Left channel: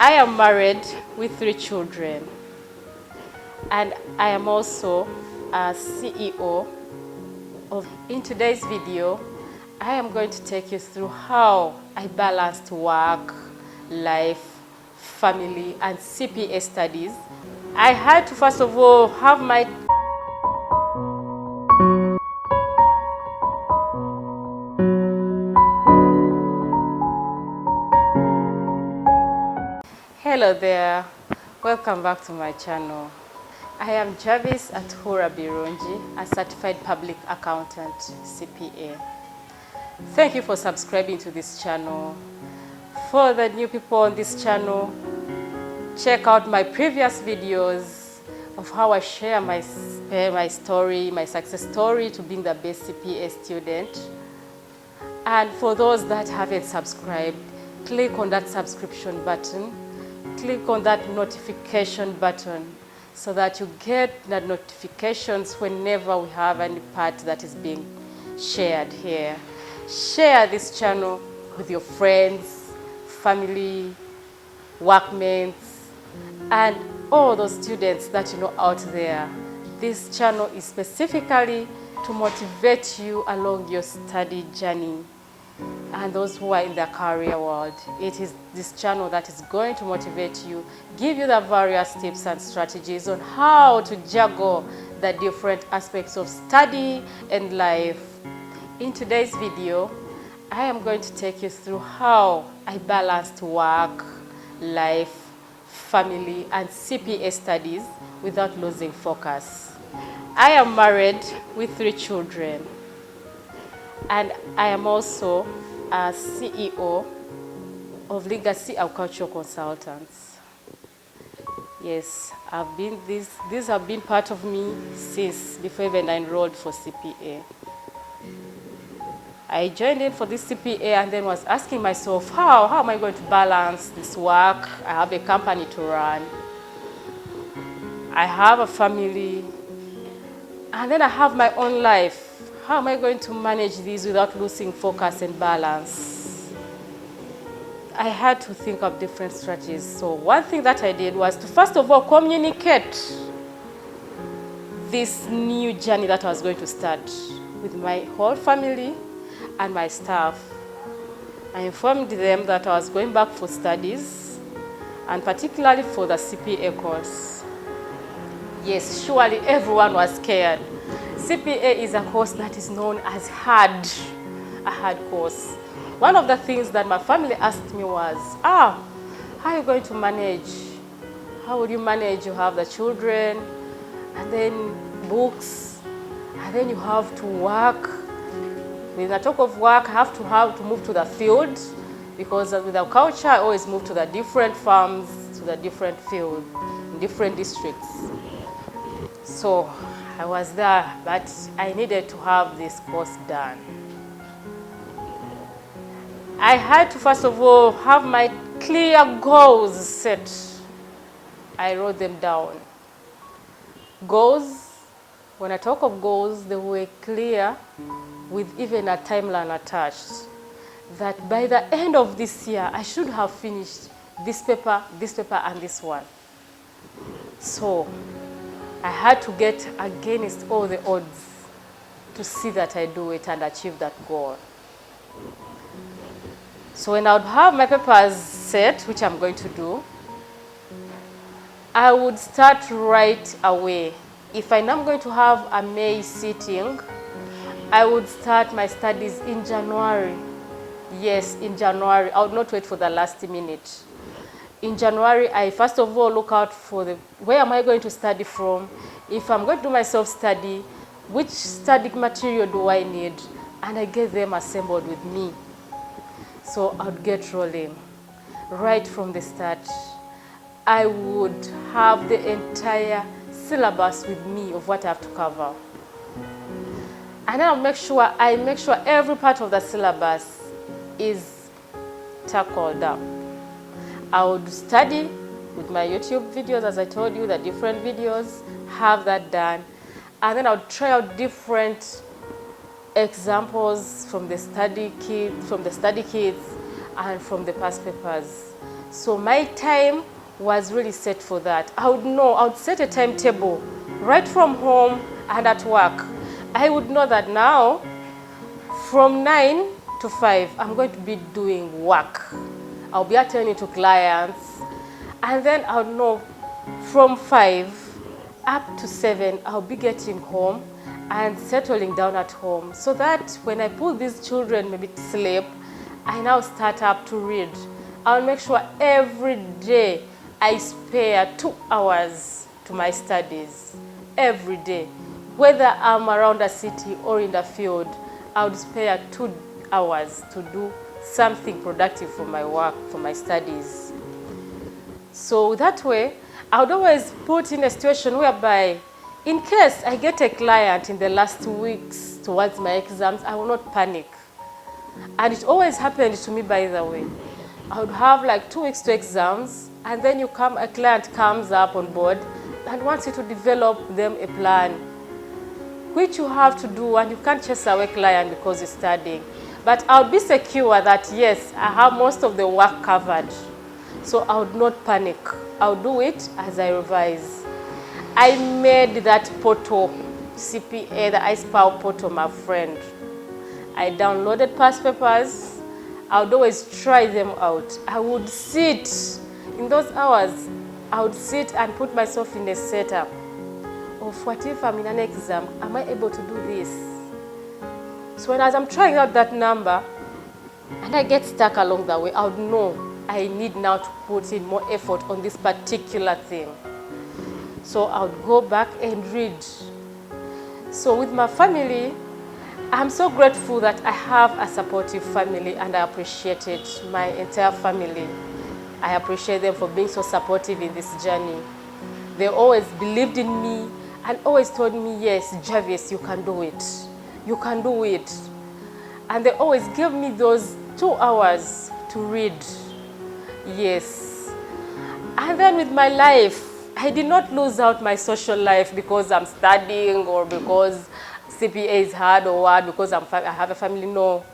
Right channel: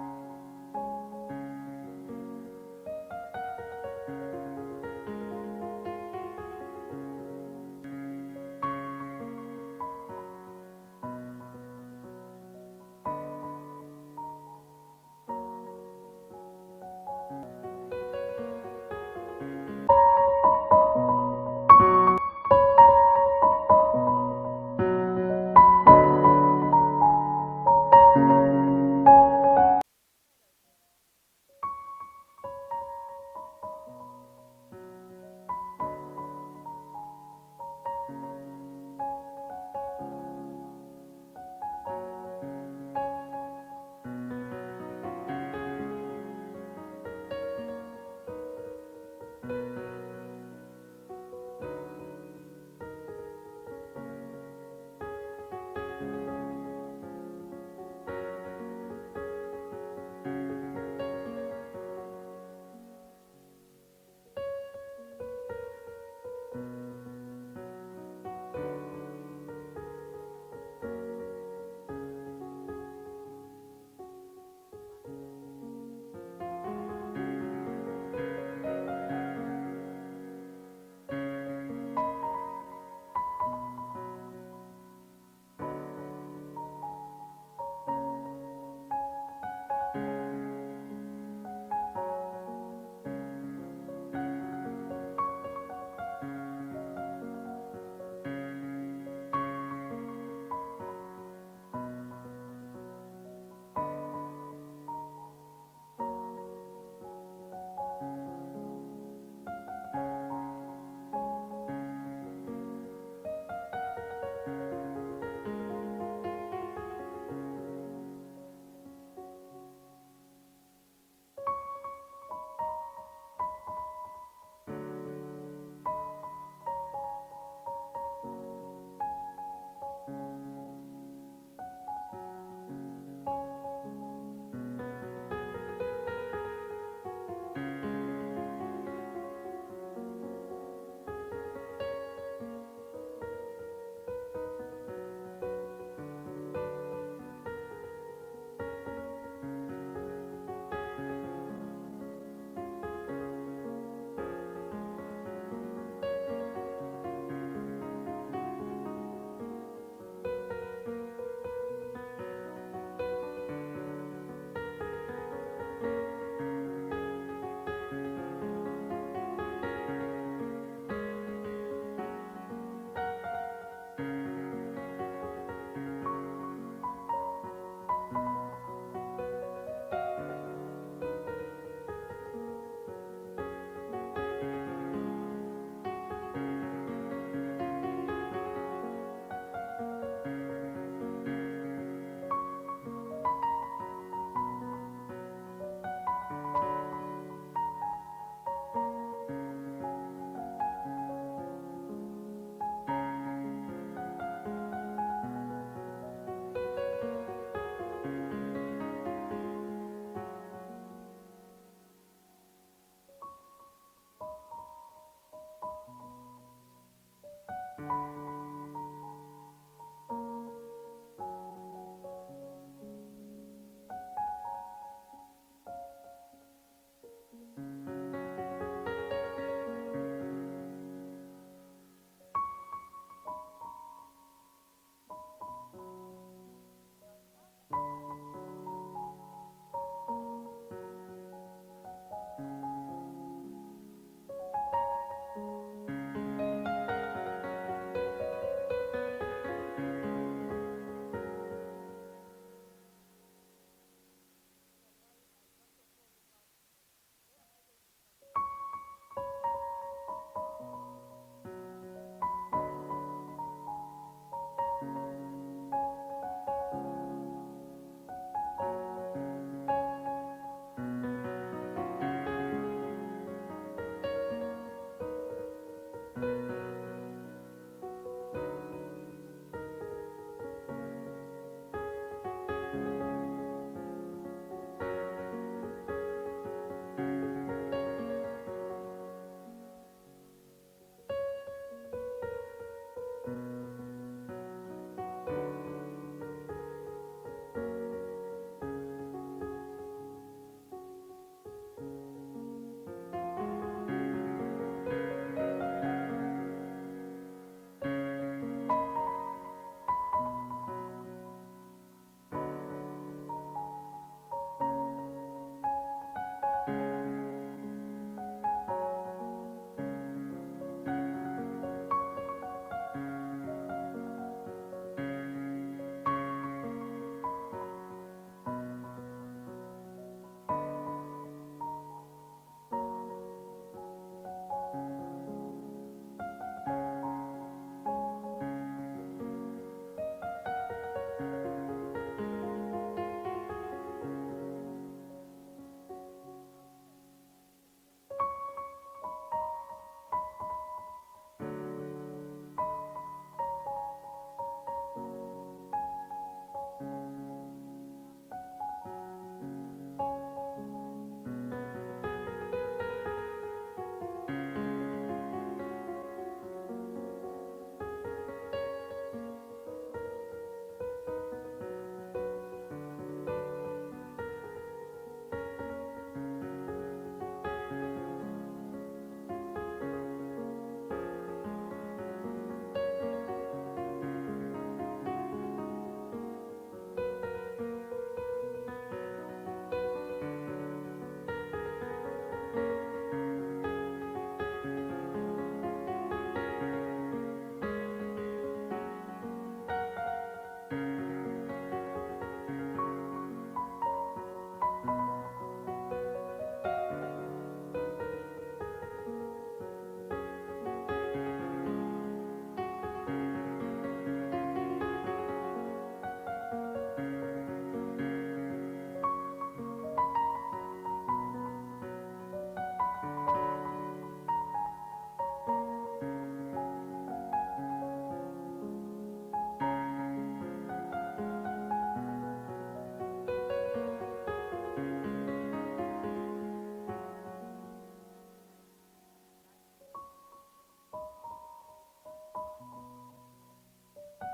I am married with 3 children, and I am also a CEO In today's video, I am going to take you through how I balanced work, life, family, and CPA studies. I had to first of all have my Hello there, welcome back to my channel. I am Javis Atuhura Birungi, a certified public accountant, CPA. Thank you for subscribing to this channel. For the new people on this channel, check out my previous videos of how I share my story, my success story to being the best CPA student. And for those that haven't subscribed, click on that subscription button, click on that notification button so that you get the notifications whenever we have any part that is being shared here. Share this channel with your friends, family, workmates, and all those students that you know out there. This channel is specifically to motivate you along your study journey. And those who are in the career world, it is this channel that is going to motivate you, give you the various tips and strategies on how to juggle the different aspects of study and life. In today's video, I am going to take you through how I balanced work, life, family, and CPA studies without losing focus. I am married with 3 children, and I am also a CEO of Legacy Agricultural Consultants. Yes, these have been part of me since before even I enrolled for CPA. I joined in for this CPA and then was asking myself, how am I going to balance this work? I have a company to run. I have a family. And then I have my own life. How am I going to manage these without losing focus and balance? I had to think of different strategies. So one thing that I did was to first of all communicate this new journey that I was going to start with my whole family and my staff. I informed them that I was going back for studies, and particularly for the CPA course. Yes, surely everyone was scared. CPA is a course that is known as a hard course. One of the things that my family asked me was, how are you going to manage? How will you manage? You have the children, and then books, and then you have to work. When I talk of work, I have to move to the field, because with our culture, I always move to the different farms, to the different fields, in different districts. So I was there, but I needed to have this course done. I had to first of all have my clear goals set. I wrote them down. Goals, when I talk of goals, they were clear with even a timeline attached. That by the end of this year, I should have finished this paper, and this one. So I had to get against all the odds to see that I do it and achieve that goal. So when I would have my papers set, which I'm going to do, I would start right away. If I know I'm going to have a May sitting, I would start my studies in January. Yes, in January. I would not wait for the last minute. In January, I first of all look out for where am I going to study from? If I'm going to do my self-study, which study material do I need? And I get them assembled with me. So I would get rolling. Right from the start, I would have the entire syllabus with me of what I have to cover. And then I make sure every part of the syllabus is tackled up. I would study with my YouTube videos, as I told you, the different videos, have that done. And then I would try out different examples from the study kits and from the past papers. So my time was really set for that. I would set a timetable right from home and at work. I would know that now from 9 to 5, I'm going to be doing work. I'll be attending to clients. And then I'll know from 5 up to 7, I'll be getting home and settling down at home, so that when I put these children maybe to sleep, I now start up to read. I'll make sure every day I spare 2 hours to my studies. Every day. Whether I'm around the city or in the field, I would spare 2 hours to do something productive for my work, for my studies. So that way, I would always put in a situation whereby, in case I get a client in the last 2 weeks towards my exams, I will not panic. And it always happened to me, by the way. I would have like 2 weeks to exams, and then a client comes up on board and wants you to develop them a plan, which you have to do, and you can't chase away client because you're studying. But I'll be secure that yes, I have most of the work covered. So I would not panic. I'll do it as I revise. I made that portal, CPA, the iSpow portal, my friend. I downloaded past papers. I would always try them out. I would sit, in those hours, I would sit and put myself in a setup of what if I'm in an exam, am I able to do this? So as I'm trying out that number, and I get stuck along the way, I would know I need now to put in more effort on this particular thing. So I would go back and read. So with my family, I'm so grateful that I have a supportive family, and I appreciate it, my entire family. I appreciate them for being so supportive in this journey. They always believed in me and always told me, yes, Javis, you can do it. You can do it. And they always gave me those 2 hours to read. Yes. And then with my life, I did not lose out my social life because I'm studying or because CPA is hard or what, because I have a family. No.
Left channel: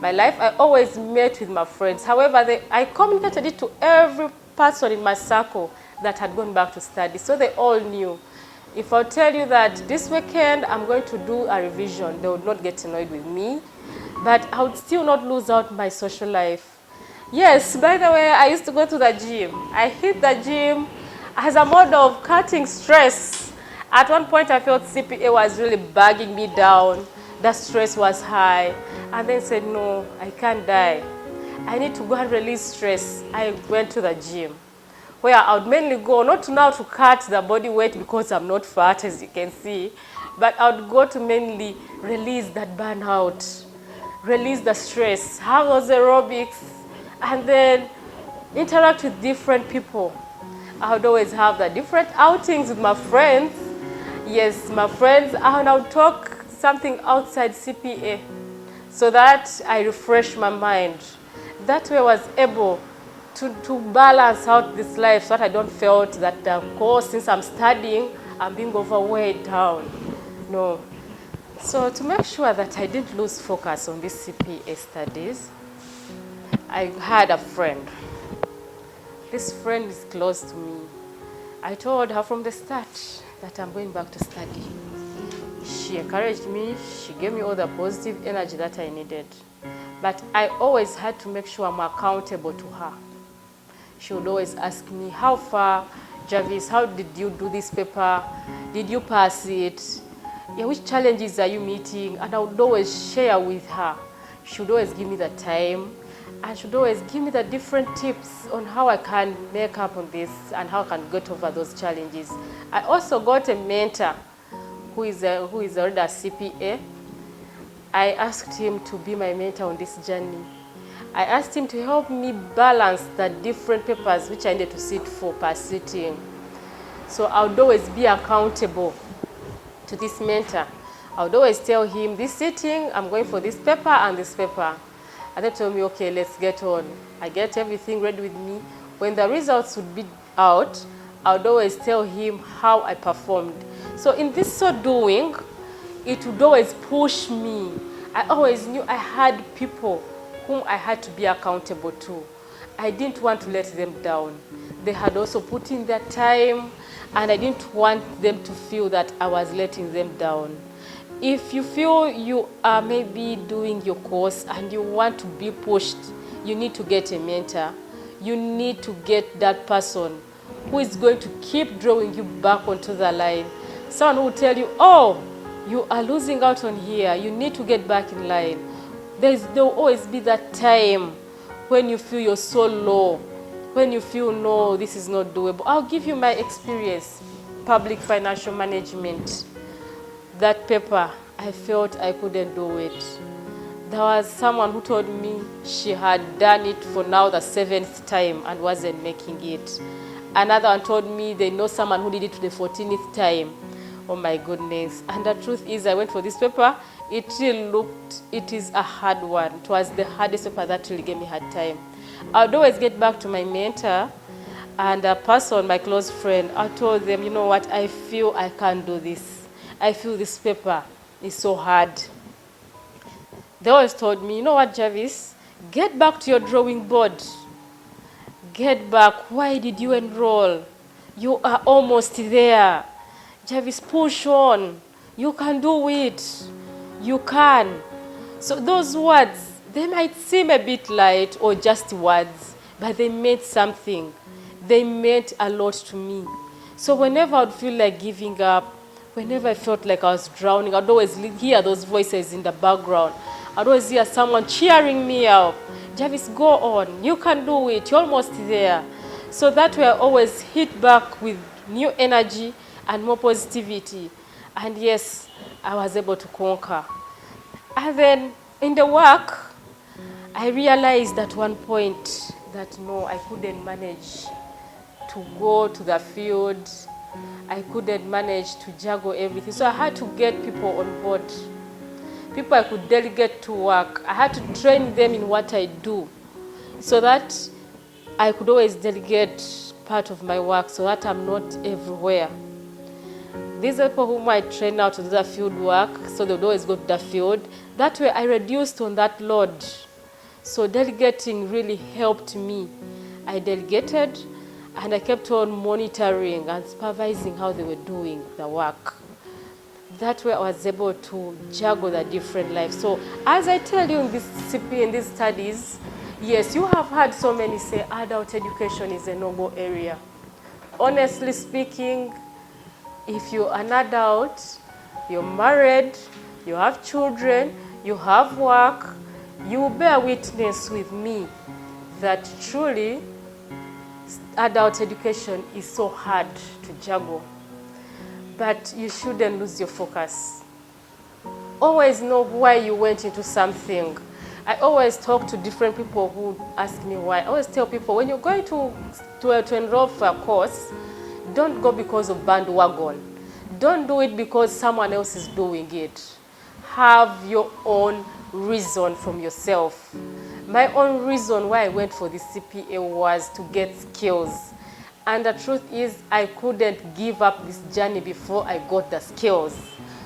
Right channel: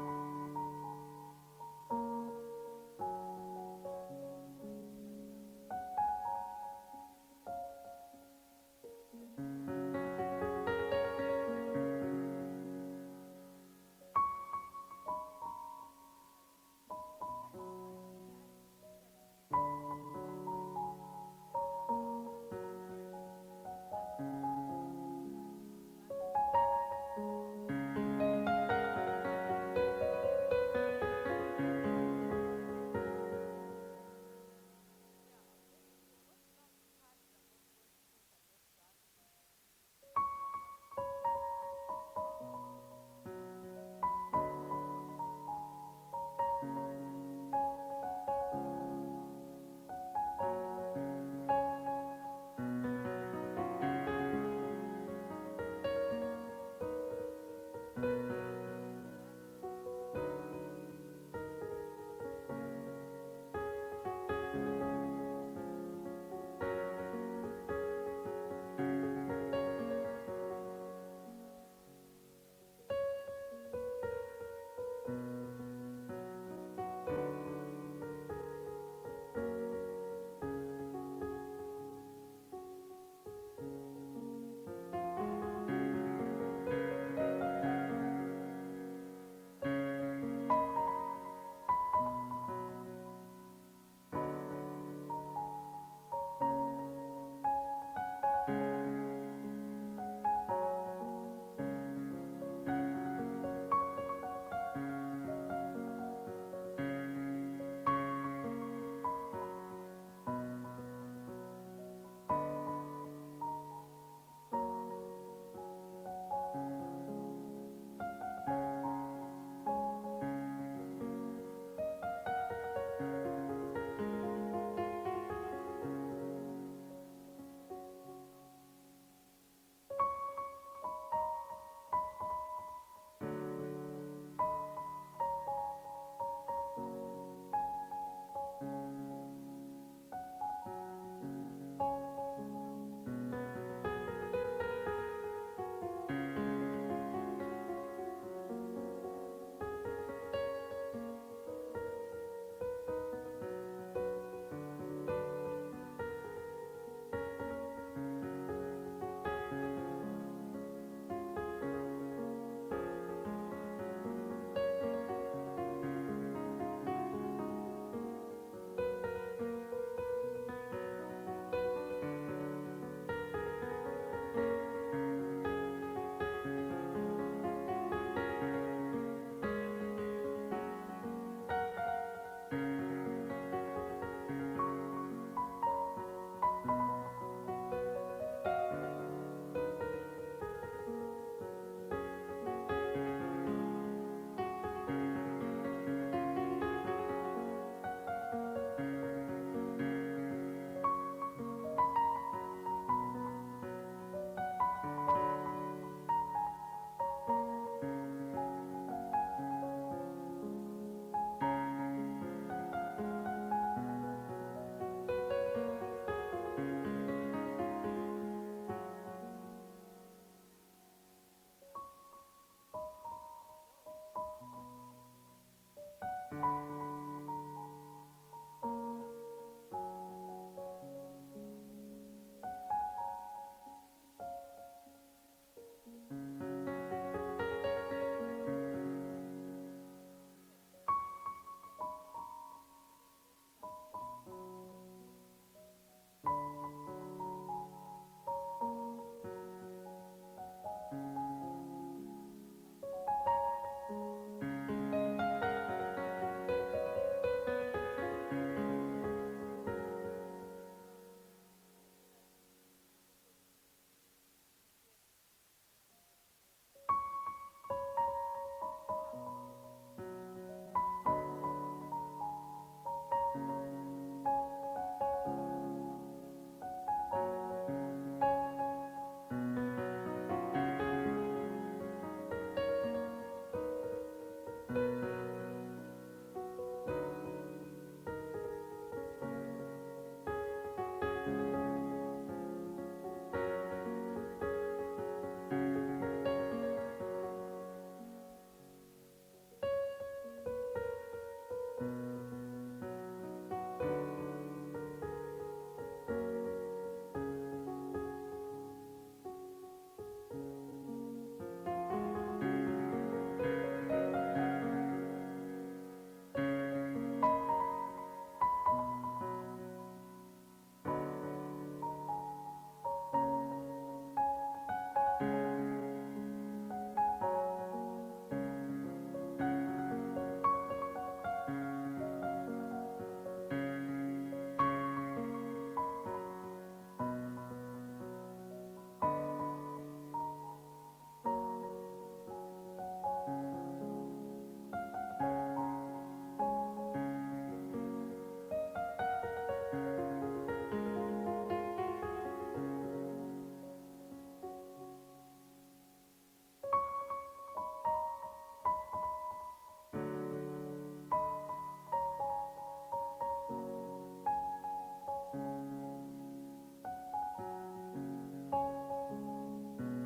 My life, I always met with my friends. However, I communicated it to every person in my circle that had gone back to study. So they all knew. If I tell you that this weekend I'm going to do a revision, they would not get annoyed with me. But I would still not lose out my social life. Yes, by the way, I used to go to the gym. I hit the gym as a mode of cutting stress. At one point, I felt CPA was really bugging me down. The stress was high. And then said, no, I can't die. I need to go and release stress. I went to the gym, where I would mainly go, not now to cut the body weight because I'm not fat, as you can see, but I would go to mainly release that burnout, release the stress, have those aerobics, and then interact with different people. I would always have the different outings with my friends. Yes, my friends, and I would talk something outside CPA so that I refresh my mind. That way I was able to balance out this life so that I don't feel that, of course, since I'm studying, I'm being overweight down. No. So to make sure that I didn't lose focus on these CPA studies, I had a friend. This friend is close to me. I told her from the start that I'm going back to study. She encouraged me. She gave me all the positive energy that I needed. But I always had to make sure I'm accountable to her. She would always ask me, how far, Javis, how did you do this paper? Did you pass it? Yeah, which challenges are you meeting? And I would always share with her. She would always give me the time, and she would always give me the different tips on how I can make up on this and how I can get over those challenges. I also got a mentor who is already a CPA. I asked him to be my mentor on this journey. I asked him to help me balance the different papers which I needed to sit for per sitting. So I would always be accountable to this mentor. I would always tell him, this sitting, I'm going for this paper and this paper. And they told me, okay, let's get on. I get everything ready with me. When the results would be out, I would always tell him how I performed. So in this so doing, it would always push me. I always knew I had people whom I had to be accountable to. I didn't want to let them down. They had also put in their time, and I didn't want them to feel that I was letting them down. If you feel you are maybe doing your course and you want to be pushed, you need to get a mentor. You need to get that person who is going to keep drawing you back onto the line. Someone who will tell you, oh, you are losing out on here. You need to get back in line. There will always be that time when you feel you're so low, when you feel, no, this is not doable. I'll give you my experience, public financial management. That paper, I felt I couldn't do it. There was someone who told me she had done it for now the 7th time and wasn't making it. Another one told me they know someone who did it the 14th time. Oh my goodness. And the truth is, I went for this paper. It is a hard one. It was the hardest paper that really gave me hard time. I'd always get back to my mentor and a person, my close friend. I told them, you know what, I feel I can't do this. I feel this paper is so hard. They always told me, you know what, Javis, get back to your drawing board. Get back. Why did you enroll? You are almost there. Javis, push on. You can do it. You can. So those words, they might seem a bit light or just words, but they meant something. They meant a lot to me. So whenever I'd feel like giving up, whenever I felt like I was drowning, I'd always hear those voices in the background. I'd always hear someone cheering me up. Javis, go on. You can do it. You're almost there. So that way I always hit back with new energy and more positivity. And yes, I was able to conquer. And then in the work, I realized at one point that no, I couldn't manage to go to the field. I couldn't manage to juggle everything. So I had to get people on board. People I could delegate to work. I had to train them in what I do so that I could always delegate part of my work so that I'm not everywhere. These are people whom I train out to do the field work, so they would always go to the field. That way I reduced on that load. So delegating really helped me. I delegated and I kept on monitoring and supervising how they were doing the work. That way I was able to juggle the different lives. So as I tell you in this CPA, in these studies, yes, you have heard so many say adult education is a noble area. Honestly speaking, if you're an adult, you're married, you have children, you have work, you will bear witness with me that truly adult education is so hard to juggle. But you shouldn't lose your focus. Always know why you went into something. I always talk to different people who ask me why. I always tell people, when you're going to enroll for a course, don't go because of bandwagon. Don't do it because someone else is doing it. Have your own reason from yourself. My own reason why I went for the CPA was to get skills. And the truth is, I couldn't give up this journey before I got the skills.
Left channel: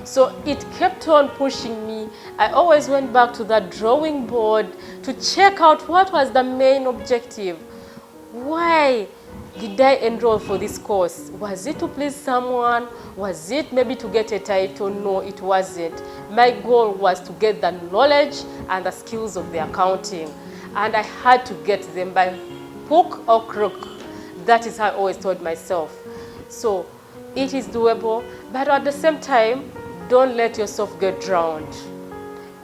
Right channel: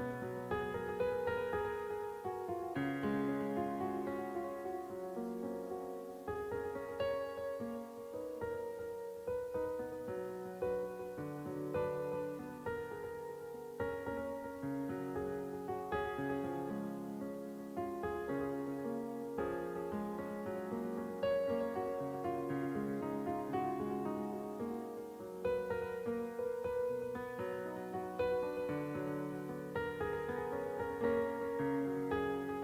So it kept on pushing me. I always went back to that drawing board to check out what was the main objective. Why did I enroll for this course? Was it to please someone? Was it maybe to get a title? No, it wasn't. My goal was to get the knowledge and the skills of the accounting. And I had to get them by hook or crook. That is how I always told myself. So it is doable, but at the same time, don't let yourself get drowned.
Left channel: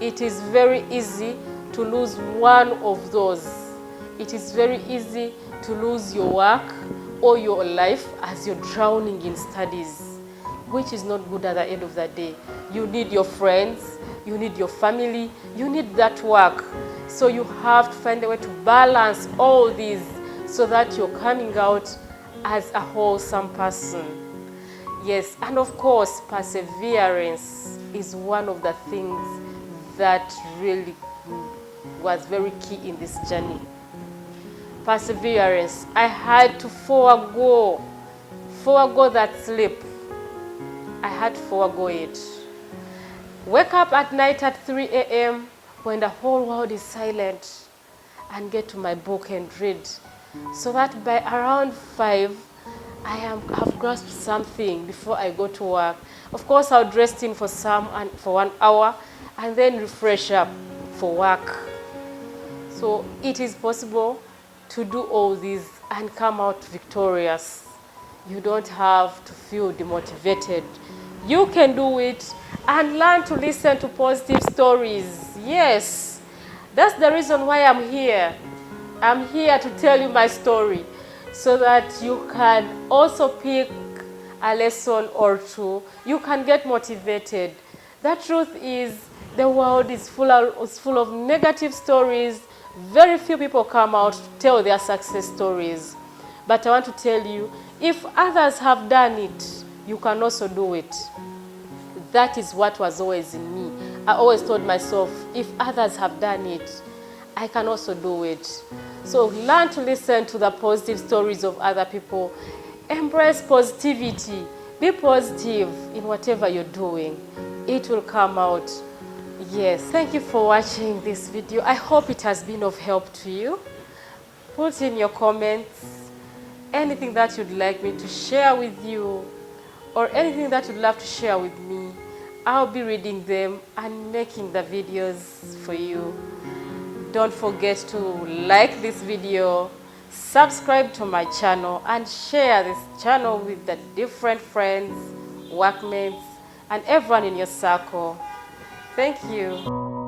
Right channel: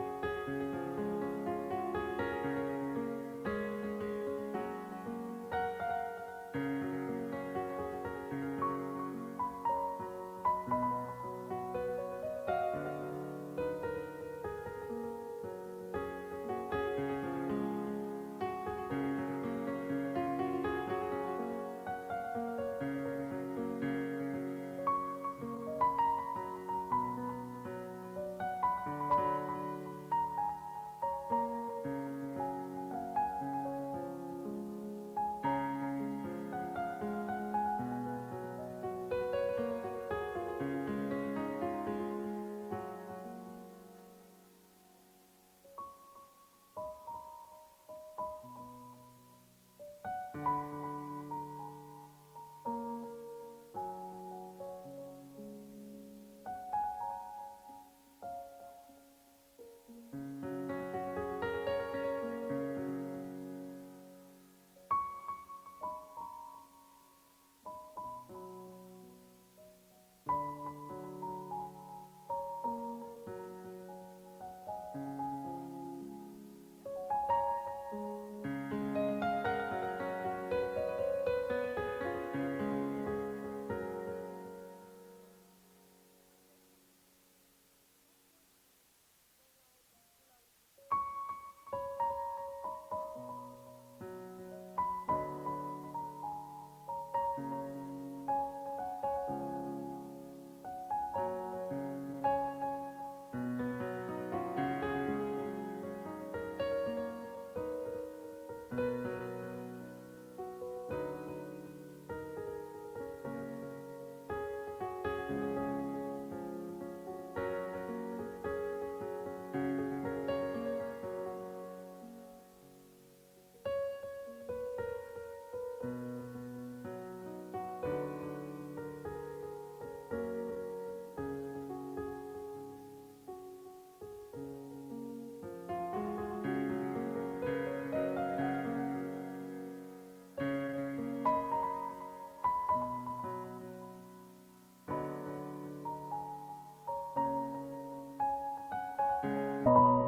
It is very easy to lose one of those. It is very easy to lose your work or your life as you're drowning in studies, which is not good at the end of the day. You need your friends, you need your family, you need that work. So you have to find a way to balance all these so that you're coming out as a wholesome person. Yes, and of course, perseverance is one of the things that really was very key in this journey. Perseverance. I had to forego that sleep. I had to forego it. Wake up at night at 3 a.m. when the whole world is silent. and get to my book and read, so that by around 5, I have grasped something before I go to work. Of course, I'll rest in for 1 hour and then refresh up for work. So it is possible to do all these and come out victorious. You don't have to feel demotivated. You can do it and learn to listen to positive stories. Yes, that's the reason why I'm here. I'm here to tell you my story so that you can also pick a lesson or two. You can get motivated. The truth is, the world is full of negative stories. Very few people come out to tell their success stories. But I want to tell you, if others have done it, you can also do it. That is what was always in me. I always told myself, if others have done it, I can also do it. So learn to listen to the positive stories of other people. Embrace positivity. Be positive in whatever you're doing. It will come out. Yes, thank you for watching this video. I hope it has been of help to you. Put in your comments anything that you'd like me to share with you, or anything that you'd love to share with me. I'll be reading them and making the videos for you. Don't forget to like this video, subscribe to my channel, and share this channel with the different friends, workmates, and everyone in your circle. Thank you.